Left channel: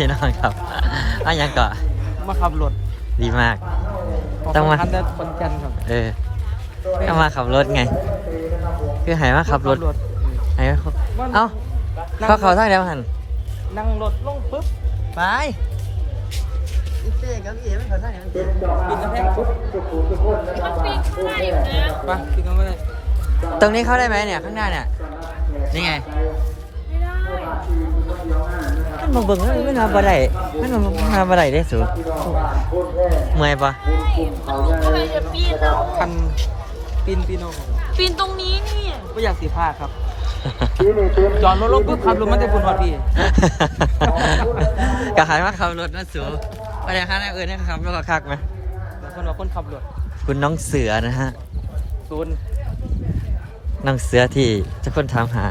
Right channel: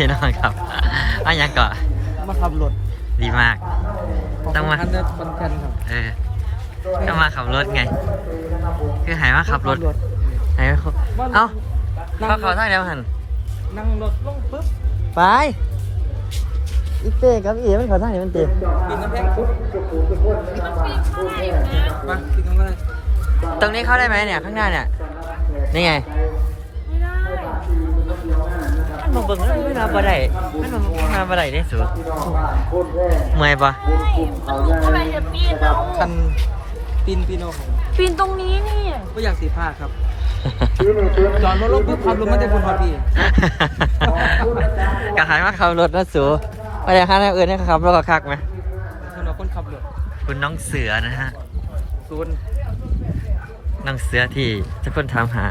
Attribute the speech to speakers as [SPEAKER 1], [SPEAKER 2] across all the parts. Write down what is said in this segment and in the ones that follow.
[SPEAKER 1] พี่น้องครับอันยังก่อน
[SPEAKER 2] มาขับรถ
[SPEAKER 1] ดีมาก ต้องมา
[SPEAKER 2] คันได้คนแกันครับ
[SPEAKER 1] เออก็มาขับรถไง คือหายมาขับรถหายมาขับเอ้า
[SPEAKER 2] นั่ง
[SPEAKER 1] ก็ขอทางเดียวหัน
[SPEAKER 2] นั่งรถลงปุ๊บ
[SPEAKER 1] ไปอีเป้กับอีเอ๋มันขอทางเดียวมันเตะ
[SPEAKER 2] ปีนกำแพงปุ๊บมาปีนกำแพง
[SPEAKER 1] ตรงนี้เข้าได้ไหมเนี่ยข้างหน้าเนี่ยนี่ไง มันมาเบิ่งแล้วมันมาบ่ไหลมันมาบ่ไหลได้สูเมื่อยปะ
[SPEAKER 3] ทำไมจะปีนอะ
[SPEAKER 2] คันปีนปีโนครับ
[SPEAKER 3] ปีนตรงนี้นี่
[SPEAKER 2] ไม่อยากสีผ้าดครับ จอดรถลงปุ๊บขับรถมันจะบุญพอพี่
[SPEAKER 1] กะหายมาขับรถนะสูไปเดี๋ยวข้างหน้าเอื่นให้ขับรถก็คักไหม
[SPEAKER 2] คนเราคนขับรถ
[SPEAKER 1] คุณน้องเสือนะฮะ
[SPEAKER 2] ศูนย์
[SPEAKER 1] น้องเสือที่เจะคนถามหา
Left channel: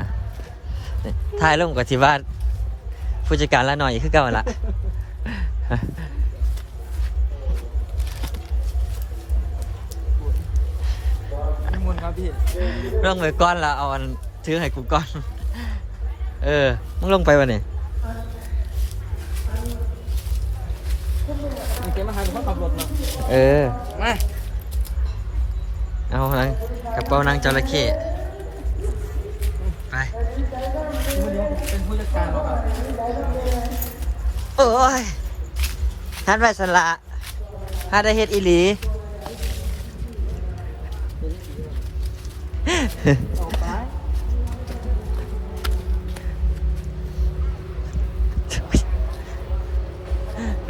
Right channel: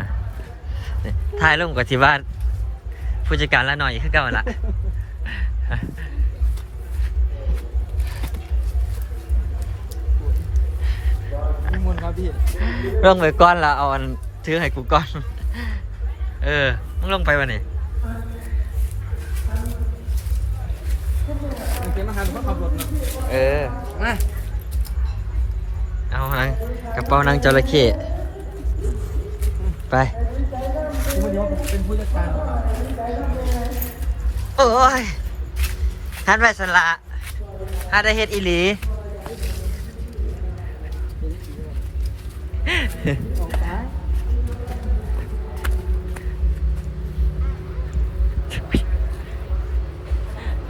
[SPEAKER 1] ถ่ายลงกับที่บ้านผู้จัดการละหน่อยคือเก่าละ
[SPEAKER 2] มีมูลครับพี่
[SPEAKER 1] ลงไปก้อนละเอาอันถือให้กูก้อน เออ มึงลงไปวะเนี่ย
[SPEAKER 2] มันเก็บมาหาหรือว่าขับรถมา
[SPEAKER 1] เออ
[SPEAKER 2] มา
[SPEAKER 1] เอาหนังกระเป๋านางจระเข้ไป
[SPEAKER 2] คุณวันนี้เป็นผู้จัดการเราครับ
[SPEAKER 1] โอ้ยฮัดไว้สละฮัดได้เฮ็ดอีหลี
[SPEAKER 2] เอาไป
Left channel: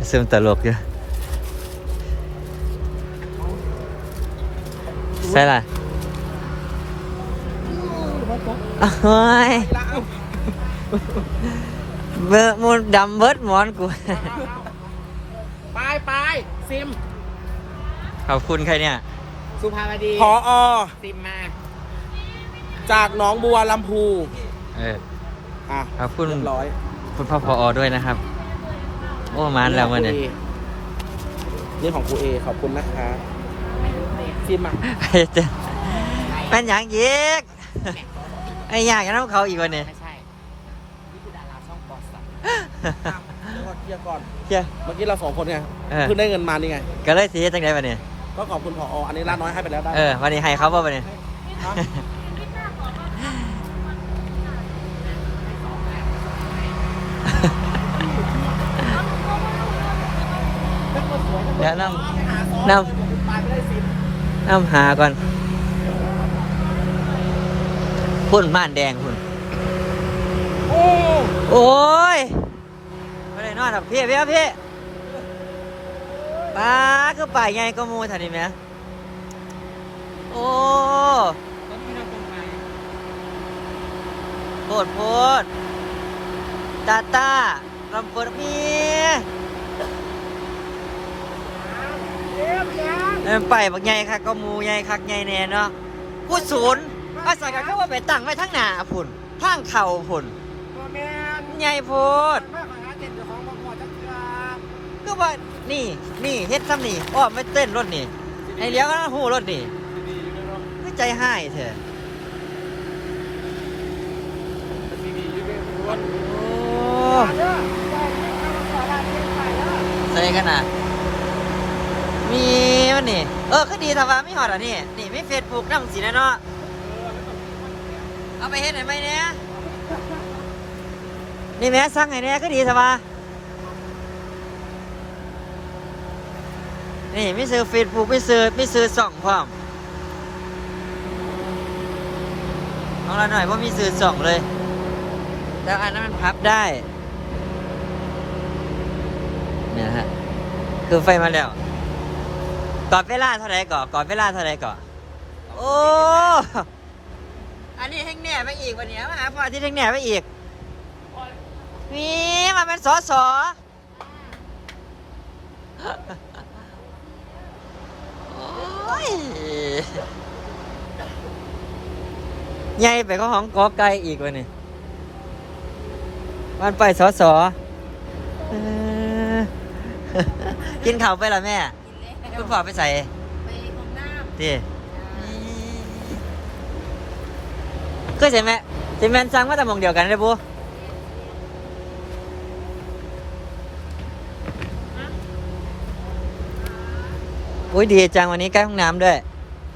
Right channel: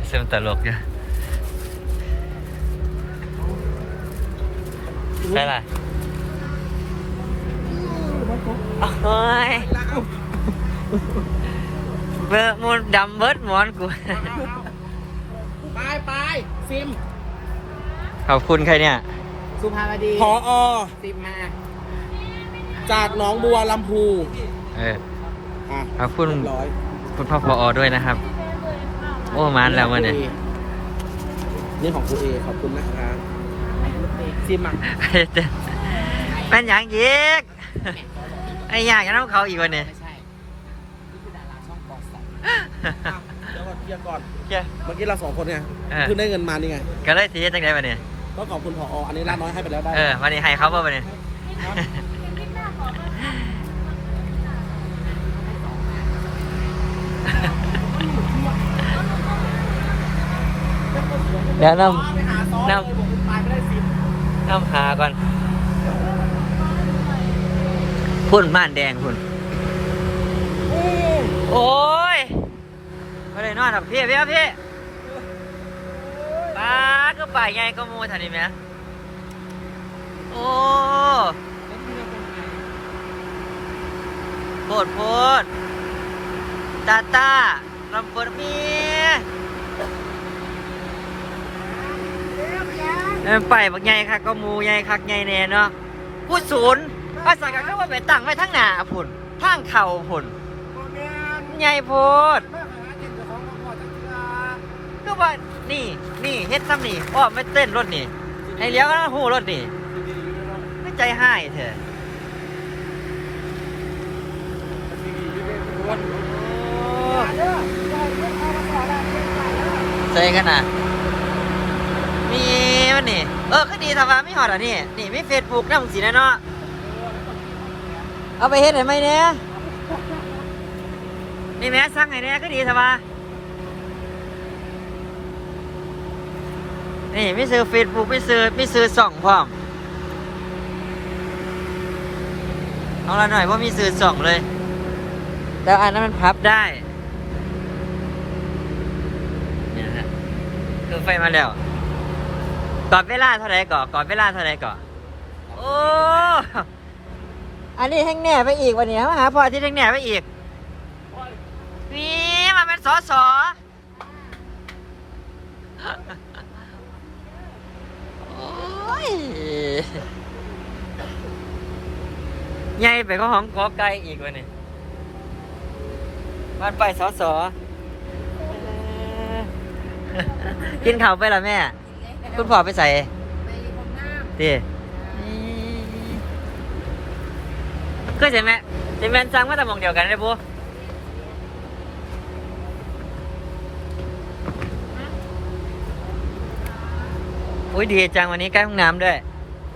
[SPEAKER 1] ซึมตลกอยู่ใช่ไรโอ้ย เบอร์มูดำเบิดหมอนกู
[SPEAKER 2] ไปไปซิม
[SPEAKER 1] ขอบคุณใครเนี่ย
[SPEAKER 2] สุภาพดีพออ ซิมมา จากหนองบัวลำพู
[SPEAKER 1] เออ
[SPEAKER 2] อะ
[SPEAKER 1] ขอบคุณ
[SPEAKER 2] เรียบร้อย
[SPEAKER 1] คุณพ่อพอด้วยนะครับ โอ้มานแล้วมาเนี่ย
[SPEAKER 2] นี่ของครูเอขอบคุณนะครับซิมอะ
[SPEAKER 1] แม่นหยังยีกไอ้ยากจะน้ำเขาอีกวันเนี่ย
[SPEAKER 2] ไม่ใช่ นี่คือดาราช่องบอสสัน เทียบก่อน
[SPEAKER 1] เหี้ย
[SPEAKER 2] เมื่อกี้เราสองคนไง
[SPEAKER 1] เออ
[SPEAKER 2] เพิ่งได้เงินมานี่ไง
[SPEAKER 1] ก็เลยสีจังไดวันเนี่ย
[SPEAKER 2] ก็ขอบคุณพออันนี้ร้านน้อยให้ไปแล้วได้
[SPEAKER 1] เออวันนี้ให้เขาป่ะวันนี้เดี๋ยวนำนำนำหาก่อนพุ่นม่านแดงพุ่น โอ้ยไม่ได้ นอนหรอกพี่พี่พี่ตาก็ป่ายไงก็มูทันนี้ไหมโอ้โพดโพดตาตาลำเฟิร์มีเออไปบักใหญ่คักก็หมูใหญ่คักใหญ่แน่เนาะพูดศูนย์ภาษากันก็ว่าไปตั้งไว้ทั้งหน้าพุ่นทางเข่าพุ่นใหญ่โพด ก็ว่านี่นี่เฮ็ดซ้ำนี่อ้อไม่เต้นรถนี่ไอ้เลี้ยวก็หูรถนี่ให้ใจหายเถอะใส่กันนะมีมันนี่ เออก็ดีทำไมไม่หอดอะนี่ นี่ไม่เฟซบุ๊กนั่งสีนะเนาะเอาไปเฮ็ดให้ไหมเนี่ยนี่แม่สั่งให้เนี่ยก็ดีทำไนี่ม่ซื้อเฟซบุ๊กม่ซื้อม่ซื้อส่องพร้อมเอาละหน่อยว่ามีซื้อส่องเลย แล้วอันนั้นมันพับได้เนี่ยฮะคือไฟมาแล้วกอดเวลาเท่าไรก่อนกอดเวลาเท่าไรก่อนโอ้อันนี้แห้งแหน่ไปอีกวันนี้มาหาพ่อที่แห้งแหน่ไปอีกนี่มันเป็นสอสอ ยใหญ่ไปก็ห้องกอไก่อีกวันนี้มันไปสอสอเออกินข้าวไปละแม่ คุณพ่อไปใส่
[SPEAKER 3] ไปของน้ำ
[SPEAKER 1] ดิก็ใช่ไหมจะแมนสั่งมาแต่หมองเดียวกันเลยบุ อุ้ยดีจังวันนี้ใกล้ห้องน้ำด้วย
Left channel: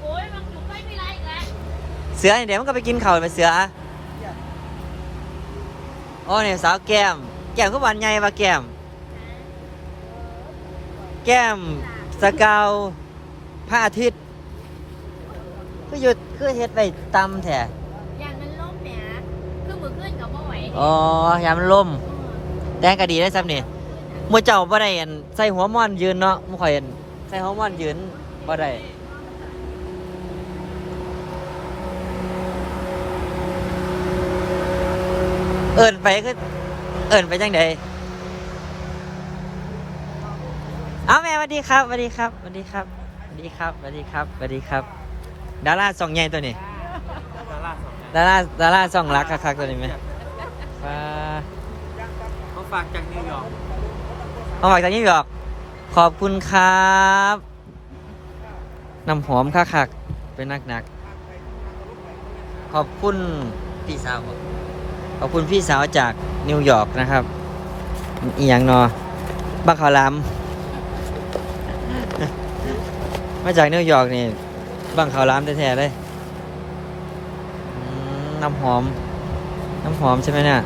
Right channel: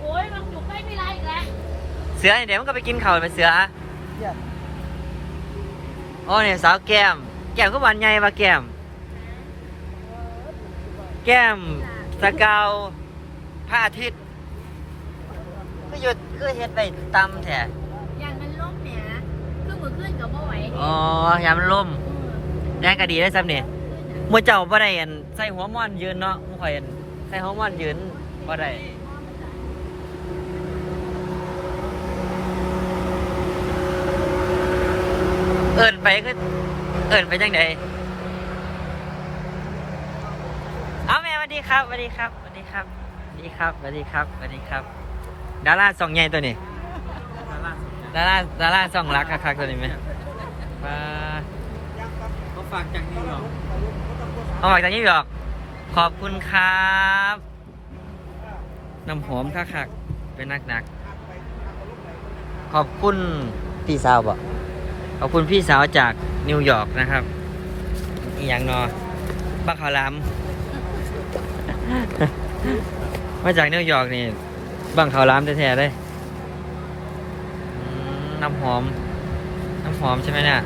[SPEAKER 3] โอ้ยลองอยู่ใกล้ไม่ได้อีกแล้ว
[SPEAKER 1] เสือเดี๋ยวมันก็ไปกินข้าวไปเสือโอ้เนี่ยสาวแก้ม แก้มก็หวานใหญ่ปะแก้ม แก้มสกาวพระอาทิตย์ ก็หยุดก็เฮ็ดไปตำแท้
[SPEAKER 3] ยานมันล่มแหมเครื่องมือขึ้นกับบ่ไหว
[SPEAKER 1] อ๋อยามมันล่ม
[SPEAKER 3] ม
[SPEAKER 1] แดงก็ดีได้ซ้ำเนี่ยมื่อเจ้าบ่ได้อันใส่หัวม่อนยืนเนาะมื่อข่อยอัน ใส่หัวม่อนยืนบ่ได้เอินไปก็เอินไปจังไดเอาแม่สวัสดีครับสวัสดีครับสวัสดีครับสวัสดีครับสวัสดีครับสวัสดีครับ ดาราสองใหญ่ตัวนี้ดาราดาราสองรักคักๆตัวนี้ไหมอ่า
[SPEAKER 2] เขาฝากจากนิวยอร์ก
[SPEAKER 1] เอาฝากจากนิวยอร์ก ขอบคุณครับน้ำหอมคักเป็นนักๆขอบคุณพี่สาวบอกขอบคุณพี่สาวจากนิวยอร์กนะครับอีหยังนอบังคาลามมาจากนิวยอร์กนี่บังคาลามแท้ๆเลยน้ำหอม น้ำหอมใช่ไหมเนี่ย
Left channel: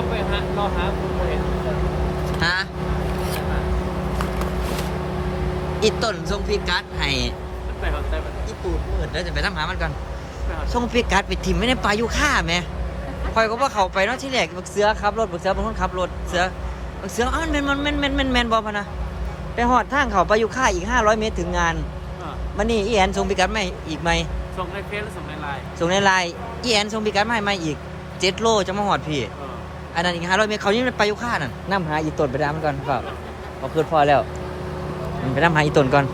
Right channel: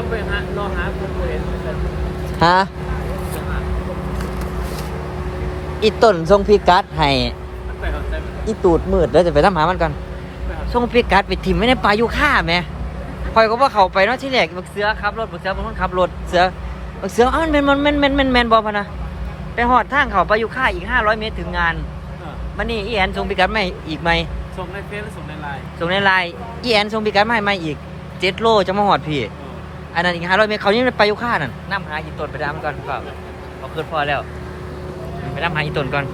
[SPEAKER 2] อัพไปฮะรอฮะคุณไปเห็น
[SPEAKER 1] ฮะอีต้นทรงพิกัดให้
[SPEAKER 2] ไปหอดใจมัน
[SPEAKER 1] อีตูดมืดแล้วจะไปทำหามันก่อน
[SPEAKER 2] ไปหอด
[SPEAKER 1] ทรงพิกัดไปทิมไม่ในป่าอยู่ค่าแหม่คอยก็ว่าเขาไปเนาะที่แรกบักเสือขับรถบักเสือเป็นคนขับรถเสือบักเสืออ้าวมันแมนมันแมนแมนแมนแมนบอพะนะไปหอดทางเขาไปอยู่ค่าอีก500เมตรถึงงาน
[SPEAKER 2] อ่า
[SPEAKER 1] มันนี่อีแอนทรงพิกัดไม่อีกไหม
[SPEAKER 2] ส่งในเฟซหรือส่งในไลน์
[SPEAKER 1] ส่งในไลน์อีแอนทรงพิกัดไม่ไม่อีกเจ็ดโลจะมาหอดพี่
[SPEAKER 2] เออ
[SPEAKER 1] อันนั้นอีก500เมตรเขานี่ไปอยู่ค่านั่นน้ำหาอีต้นไปดำก่อนครับมาเพื่อพอแล้วไปน้ำหาอีต้นก่อน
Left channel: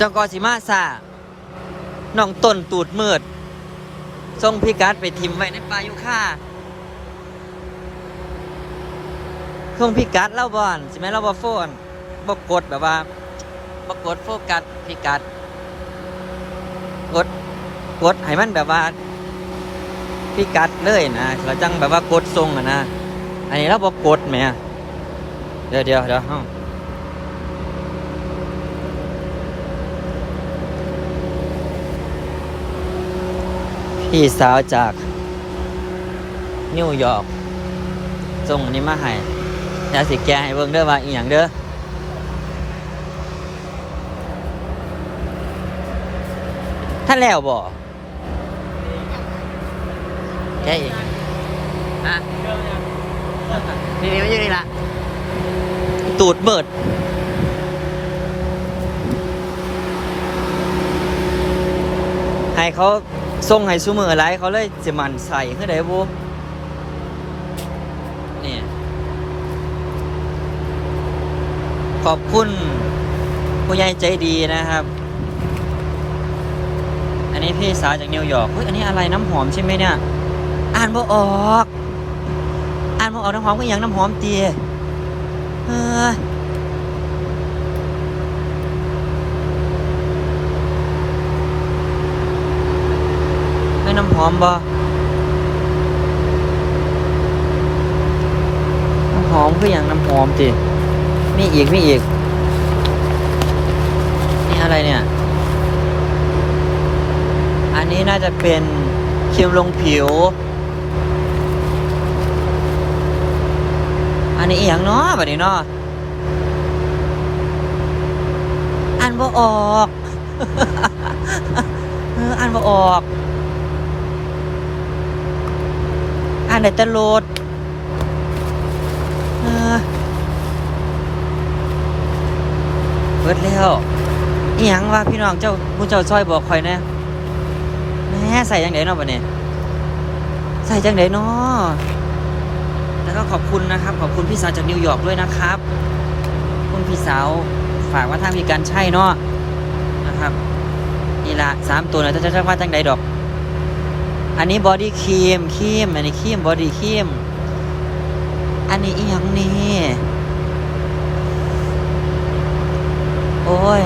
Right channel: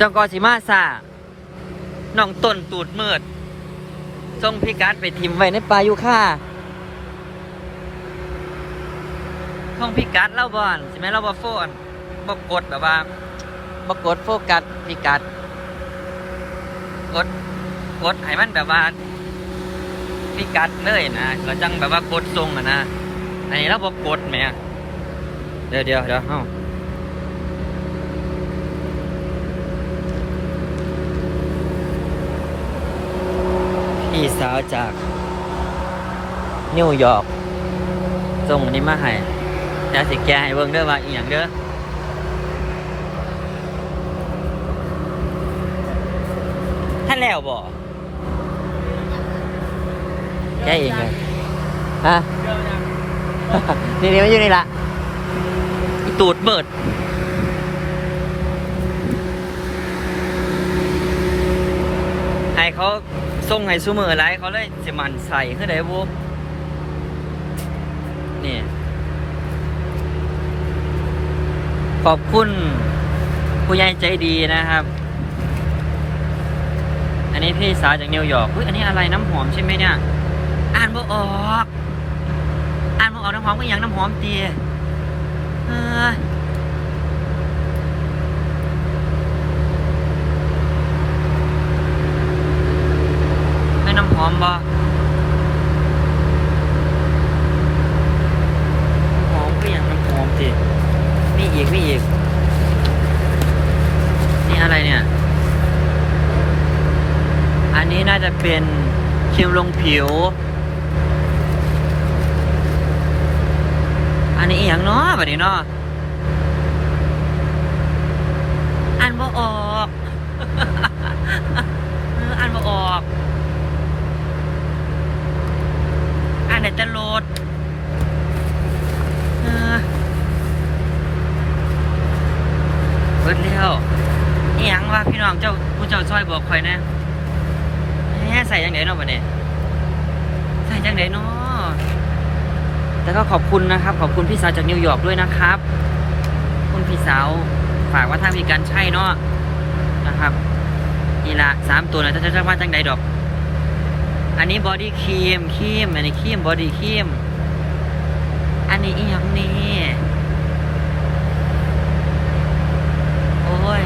[SPEAKER 1] จงกอสิมาซาน้องต้นตูดมืดส่งพี่กัดไปทิมไว้ในป่ายุค่าส่งพี่กัดเล่าบอนใช่ไหมเล่าบอโฟนบกดแบบว่าบกดโฟกัสพี่กัดกดกดให้มันแบบว่า พี่กัดเลยนะเราจังแบบว่ากดทรงอะนะ อันนี้เราบกดไหมอะเดี๋ยวเดี๋ยวเดี๋ยวเอ้าพี่สาวจาก นิวยอร์กส่งอันนี้มาให้แล้วสิแกให้เบิ่งเด้อว่าอีหยังเด้อท่านแล้วบ่ แกเองเลยฮะนี่นี่มันอยู่นี่ละตูดเบิดให้เขาส่งให้ซูมอะไรเขาเลยสิมันใส่คือได้บ่นี่ขอบคุณผู้ใหญ่ใจดีนะครับ อันนี้พี่สาวจากนิวยอร์กเฮ้ยอันนี้อะไรน้ำหอมใช่ไหมเนี่ย อ่านบ่ออก อ่านบ่ออกน้ำหอมก็อย่างน้ำหอมเตียเออให้น้ำหอมบ่น้ำหอมคือย่างน้ำหอมจิมีอีกมีอีก นี่อะไรเนี่ย อันนี้น่าจะเป็นครีมลงผิว อันนี้อีย่างเนาะแบบนี้เนาะอ่านบ่ออกเอออ่านบ่ออกอ่านในตะโลดเออเบิดแล้วอีหยังว่ะพี่น้องเจ้าผู้เจ้าซอยบอกคอยนะแหม่ใส่จังไดเนาะบัดนี้ใส่จังไดเนาะ แล้วก็ขอบคุณนะครับ ขอบคุณพี่สาวจากนิวยอร์กด้วยนะครับ คุณพี่สาวฝากว่าทามีการใช่เนาะนะครับนี่ละสามตัวนะจะจะว่าจังไดดอก อันนี้บอดี้ครีมครีมอันนี้ครีมบอดี้ครีมอันนี้อีหยังนี่โอ้ย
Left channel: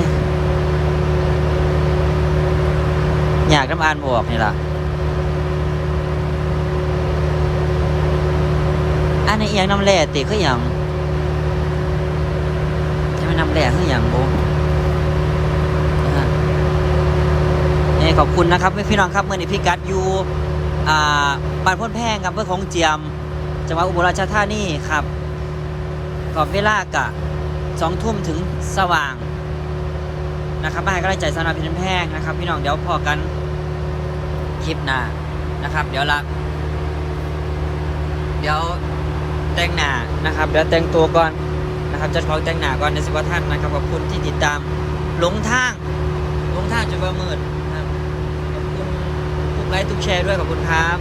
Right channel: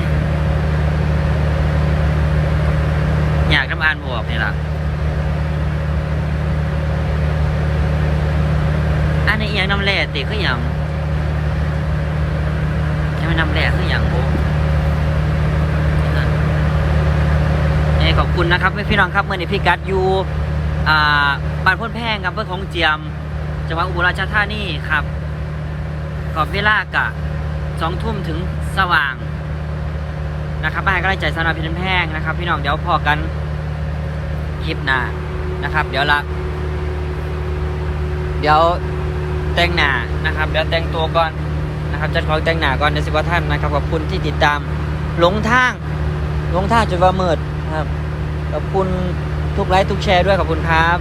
[SPEAKER 1] อยากน้ำอ่านบวกนี่ล่ะ เอียงน้ำแร่ติคือหยังจะไม่น้ำแร่คือหยังนะฮะยังขอบคุณนะครับพี่น้องครับเมื่อนี้พี่กัดอยู่อ่าบ้านพ้นแพงครับเพื่อของเจียมจังหวัดอุบลราชธานีครับขอบเวลากะสองทุ่มถึงสว่างนะครับมาให้กำลังใจสำหรับพี่น้ำแพงนะครับ พี่น้องเดี๋ยวพอกันคลิปหน้านะครับ เดี๋ยวละเดี๋ยว แต่งหน้านะครับเดี๋ยวแต่งตัวก่อนนะครับจะขอแต่งหน้าก่อนในสิบว่าท่านนะครับขอบคุณที่ติดตามหลงทางหลงทางจนว่ามืดนะครับขอบคุณทุกไลค์ทุกแชร์ด้วยขอบคุณครับ